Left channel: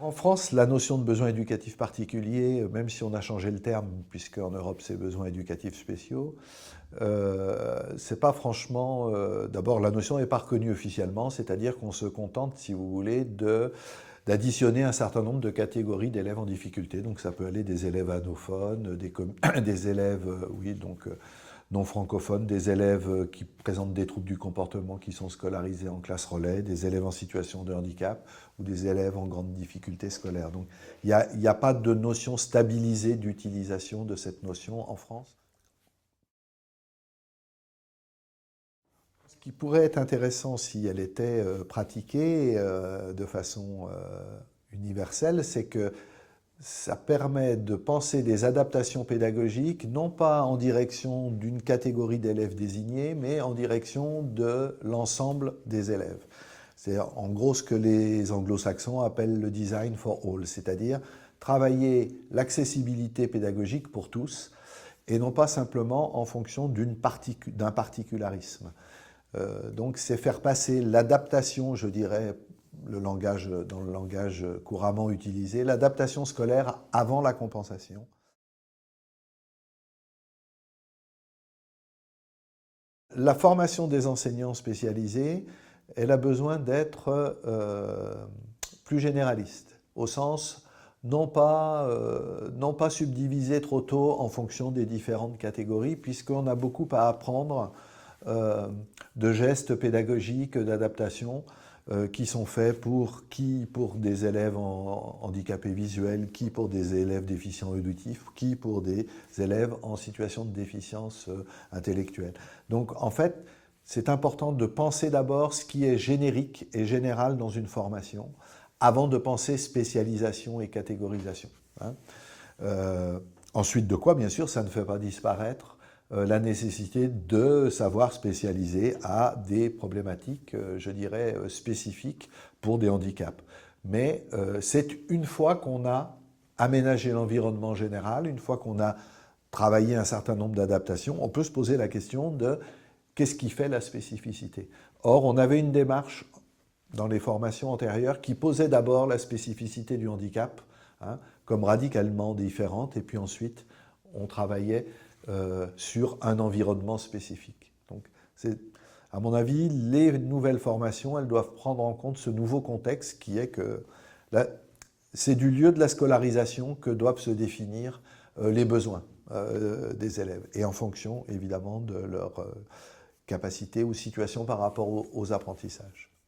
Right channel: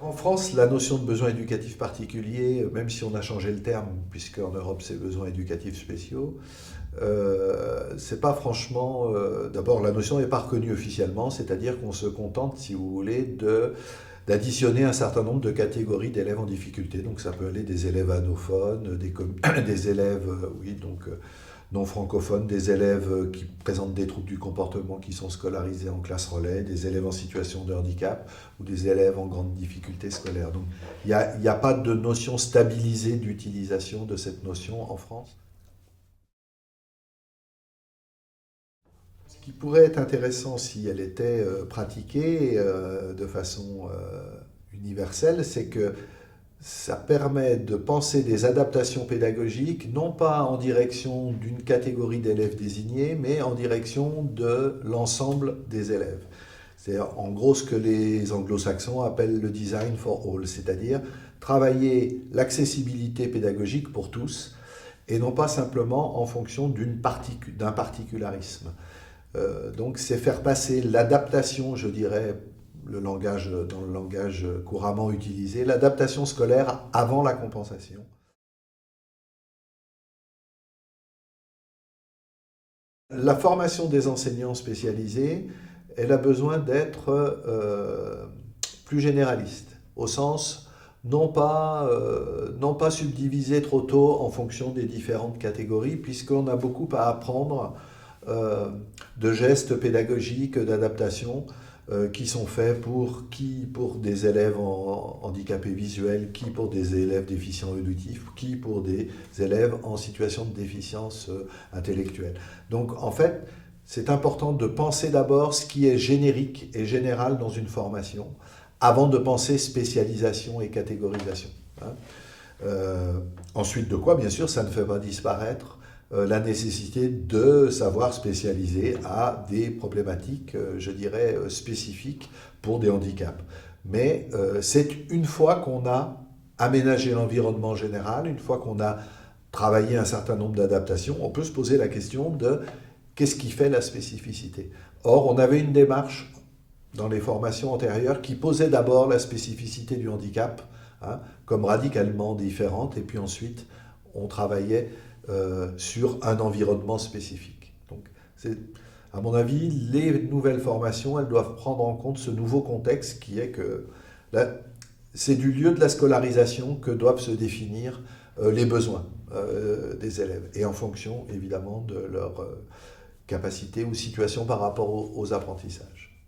En France, la notion de besoin éducatif particulier, même si on a changé le terme, puisque en Europe c'est besoins éducatifs spéciaux, c'est pas franchement. D'abord, la notion n'est pas reconnue officiellement, c'est-à-dire qu'on se contente, si vous voulez, d'additionner un certain nombre de catégories d'élèves en difficulté. Donc ça peut aller des élèves anophones, des élèves, oui, donc non francophones, des élèves qui présentent des troubles du comportement qui sont scolarisés en classe relais, des élèves en situation de handicap ou des élèves en grande difficulté scolaire. Donc il n'y a pas de notion stabilisée d'utilisation de cette notion en France. Ce qui pourrait être intéressant si elle était pratiquée de façon universelle, c'est que ça permet de penser des adaptations pédagogiques, non pas en direction d'une catégorie d'élèves désignés, mais en direction de l'ensemble des élèves. C'est en gros ce que les anglo-saxons appellent le design for all, c'est-à-dire travailler l'accessibilité pédagogique pour tous, et non pas simplement en fonction d'un particularisme. Donc c'est faire passer l'adaptation, je dirais, dans le langage couramment utilisé, l'adaptation scolaire avant la compensation. La formation des enseignants spécialisés, elle a besoin d'être plus généraliste, au sens non pas subdivisée trop tôt en fonction des différentes catégories, puisqu'on a beaucoup à apprendre euh, de gestes pédagogiques, d'adaptation, qui sont faits pour des élèves handicapés visuels, qui pour des élèves déficients auditifs, qui pour des élèves en situation de déficience intellectuelle. Donc en fait, c'est important de penser d'abord ce qui est générique et général dans une formation, avant de penser spécialisation et catégorisation. Hein. Euh, Ensuite de quoi, bien sûr, ça ne fait pas disparaître la nécessité de savoir spécialiser à des problématiques, je dirais, spécifiques pour des handicaps. Mais c'est une fois qu'on a aménagé l'environnement général, une fois qu'on a travaillé un certain nombre d'adaptations, on peut se poser la question de qu'est-ce qui fait la spécificité. Or, on avait une démarche dans les formations antérieures qui posait d'abord la spécificité du handicap, hein, comme radicalement différente, et puis ensuite on travaillait sur un environnement spécifique. Donc, à mon avis, les nouvelles formations, elles doivent prendre en compte ce nouveau contexte qui est que c'est du lieu de la scolarisation que doivent se définir les besoins des élèves, et en fonction évidemment de leur capacité ou situation par rapport aux apprentissages.